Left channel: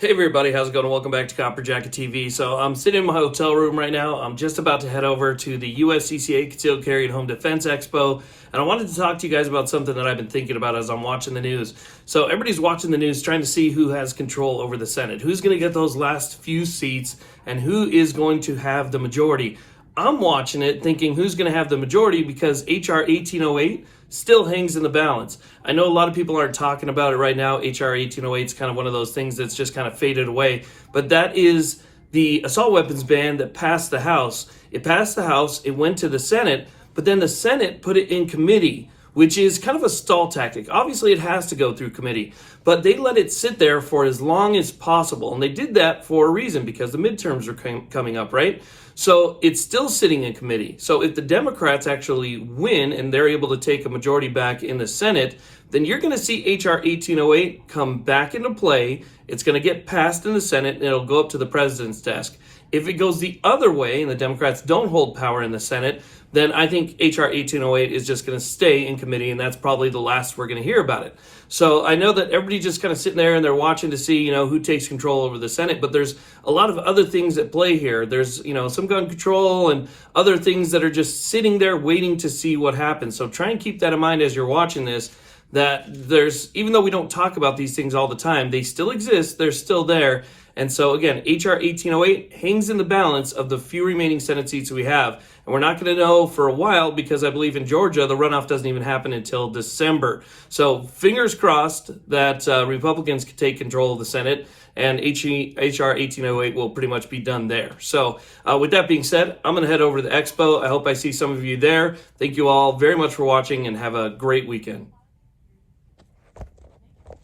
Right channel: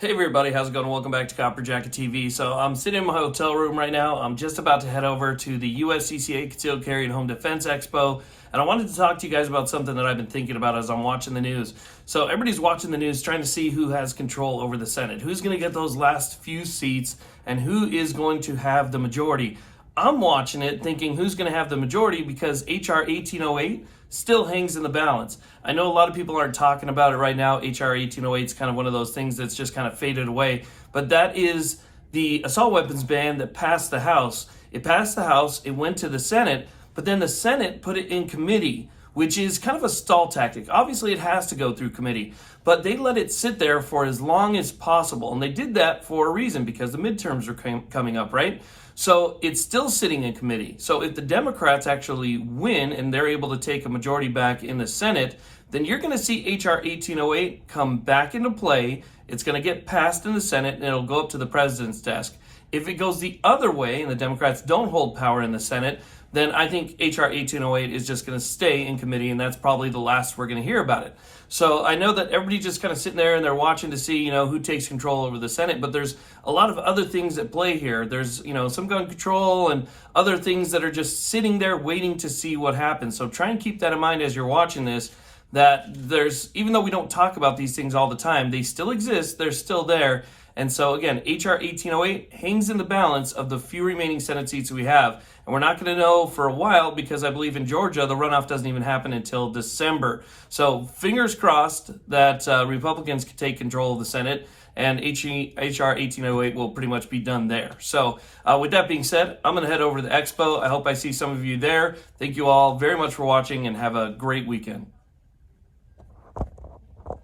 Hey everybody, how's it going? Welcome back to Copper Jacket TV. So I'm sitting in my hotel room right now. I'm just about to head over to the USCCA Concealed Carry and Home Defense Expo. And I wanted to talk to you guys about something that I've been thinking about as I'm watching the news. So everybody's watching the news trying to see who has control over the Senate. Who's going to get those last few seats and who is going to have the majority. I'm watching it thinking who's going to have the majority because HR 1808 still hangs in the balance. I know a lot of people aren't talking about it right now. HR 1808 is kind of one of those things that's just kind of faded away. But that is the assault weapons ban that passed the House. It passed the House, it went to the Senate, but then the Senate put it in committee, which is kind of a stall tactic. Obviously, it has to go through committee, but they let it sit there for as long as possible. And they did that for a reason, because the midterms are coming up, right? So it's still sitting in committee. So if the Democrats actually win and they're able to take a majority back in the Senate, then you're going to see HR 1808 come back into play. It's going to get passed in the Senate and it'll go up to the president's desk. If it goes the other way and the Democrats don't hold power in the Senate, then I think HR 1808 is just going to stay in committee, and that's probably the last we're going to hear about it. So I know that everybody just kind of sitting there and they're watching to see, who takes control over the Senate, but there's a lot of other things at play here. There's, some gun control and other things that are just sitting there waiting to see what happens. So try and keep that in mind as you're watching this, that even though we don't talk about these things all the time, they still exist, they're still there. And so again, HR 1808 hangs in the balance of the few remaining Senate seats we have. And we're not going to know for a while because I believe in Georgia, the runoff doesn't even happen until December. So fingers crossed that Republicans can take control of the Senate and HR 1808 will pretty much be done there. So with that being said, I'm going to head over to the expo. I hope I see some of you there. Thank you all very much for watching and have a great weekend.